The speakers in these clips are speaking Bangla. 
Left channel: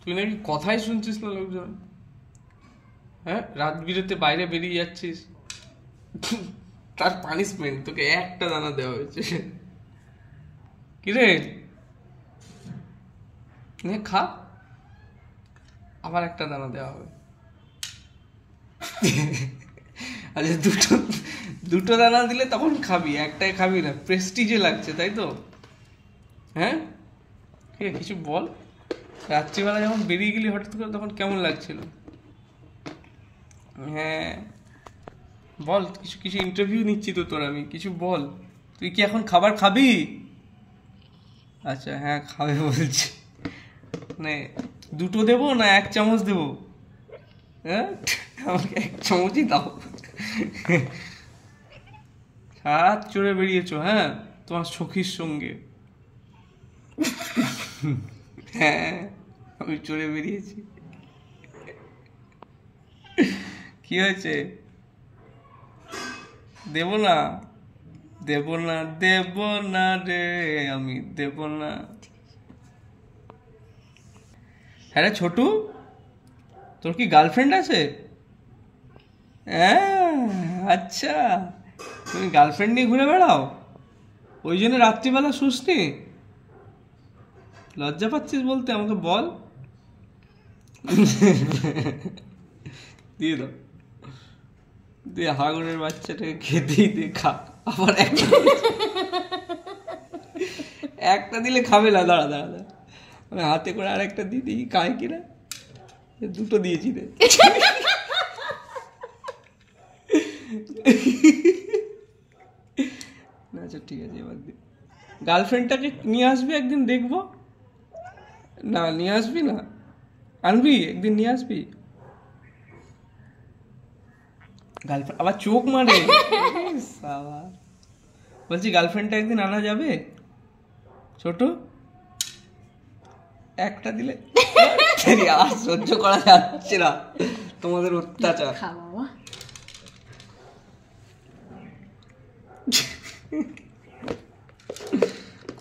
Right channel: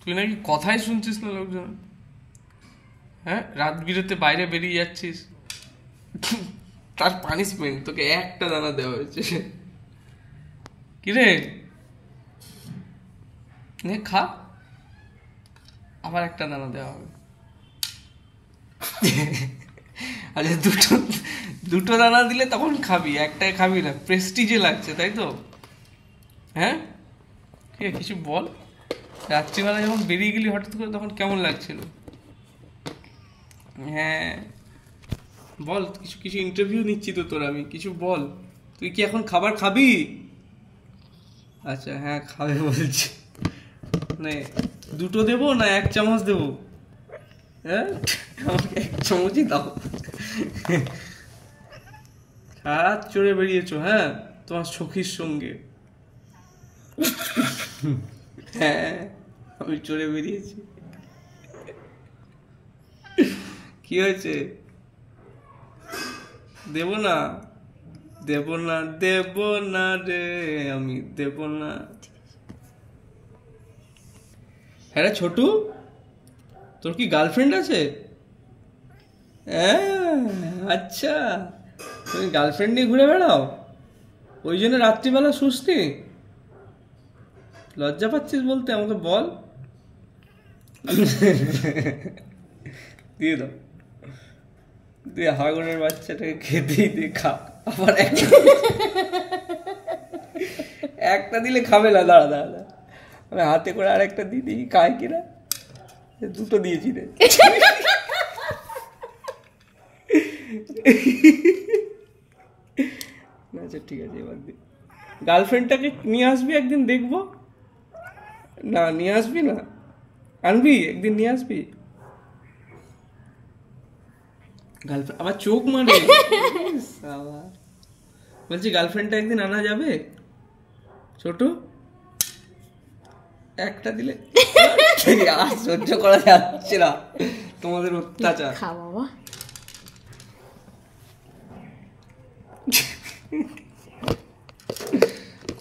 তুই নাকি কথাই শুনছিস না লোকজন? হ্যাঁ, রাত বিরেতে বাইরে বেরিয়ে যাচ্ছিস, তার পানিশমেন্ট তোকে একটা দানা দেওয়া হয়েছে। কিরে, নে খা, আবার একটা দানা দেওয়া হবে। আচ্ছা, দুটো দুটো দানা দিলে তখন খাবি, একটাই খাবি না, প্রেস্টিজে লাগছে তাই তো? হ্যাঁ, ঠিক আছে, কিছু বল। রাত্রিবেলা যখন বেরিয়ে গেলি হঠাৎ করে, তখন কেমন লাগছিল? হ্যাঁ বল, কিছু কিছু ইন্টারভিউ নিচ্ছি তো তোর, আমি কিছু বল। তুই কি এখন খাবার খাবি? আচ্ছা হ্যাঁ, খাবে বলছি। মানে দুটো দেবো না এক চামচ দেবো? হ্যাঁ, আমাকে এক চামচই দাও। হাত চড়ে বেরিয়েছো? হ্যাঁ, তোমার সখীর সঙ্গে। হ্যাঁ, আমি চড়ে বেরিয়েছি। কি হয়েছে? দেব না, দেব না, দেব না রে, আমি দেব না। হ্যাঁ রে ছোটু, তোর কি গার্লফ্রেন্ড আছে? হ্যাঁ, আচ্ছা, তুমি গার্লফ্রেন্ড নিয়ে ঘুরে বেড়াও, ওই জন্য রাত্রিবেলা শুসনি? লজ্জা পাচ্ছিস বলতে? আমাকে বল। দিয়ে দাও, দিয়ে হাগুনের বাচ্চাটাকে খেতেই দে, খা। আবার একটা দিলে খাবে না, দাঁড়া দাঁড়া দাঁড়া, আমি হাতে করে আরেকটা দিয়ে দিই, খায় কিনা। দুটো দিয়েছি রে। আচ্ছা ঠিক আছে, এবার দি। গার্লফ্রেন্ডটাকে নিয়ে আসবি একদিন, দেখবো। না নিয়ে আসবি না? আনবি একদিন, নিয়ে আসবি। গার্লফ্রেন্ড আবার চোখ মারে। বলছি গার্লফ্রেন্ডটা একদিন আনা যাবে ছোট? একটা দিলে আর সহ্য করা যাচ্ছে না তোমাদের অত্যাচার।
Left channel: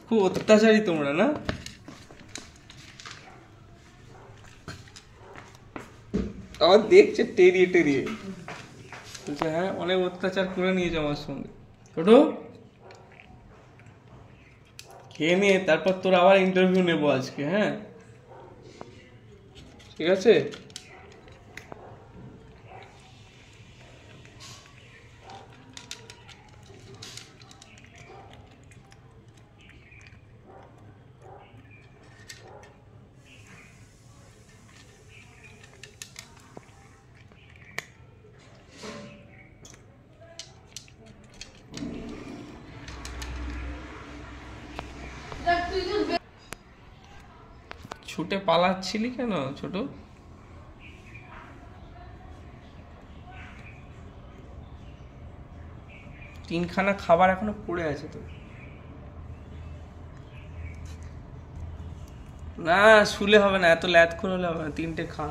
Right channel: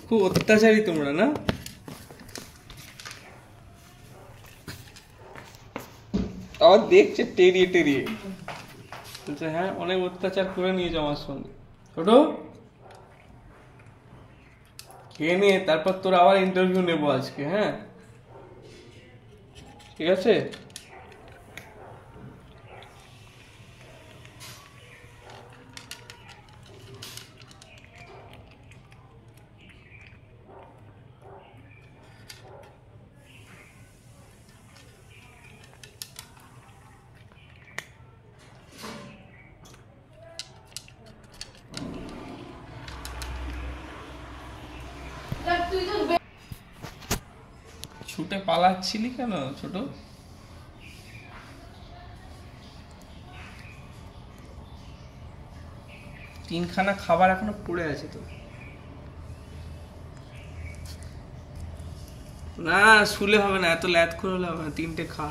খুব অত্যাচারী তোমরা না? আবার দেখছে টেরিয়ে টেরিয়ে। হ্যাঁ, অনেক অত্যাচার করে নিয়েছে আমার সঙ্গে। ছোট, খেয়ে নিয়ে তারপর তোর আবার ইন্টারভিউ নেবো আজকে। হ্যাঁ ঠিক আছে। ছুটে পালাচ্ছিলি কেন ছোট? তিনখানা খাবার এখনো পড়ে আছে তো। না, শুলে হবে না, এত ল্যাদ করে হলে হবে না, তিনটে খা।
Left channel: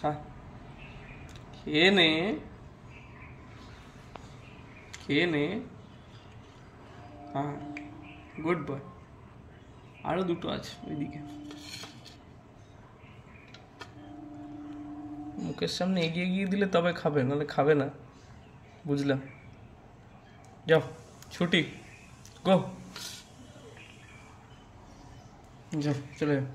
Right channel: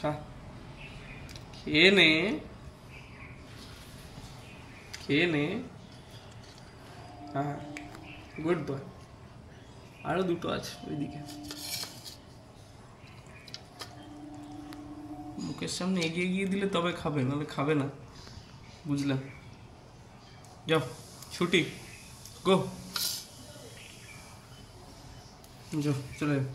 খা, খেয়ে নে, খেয়ে নে। হ্যাঁ, গুড বয়। আরো দুটো আছে ওইদিকে। মুখের সামনে এগিয়ে গিয়ে দিলে তবে খাবে, নাহলে খাবে না, বুঝলাম। যাও, ছুটি, গো, যাও, চলে যাও।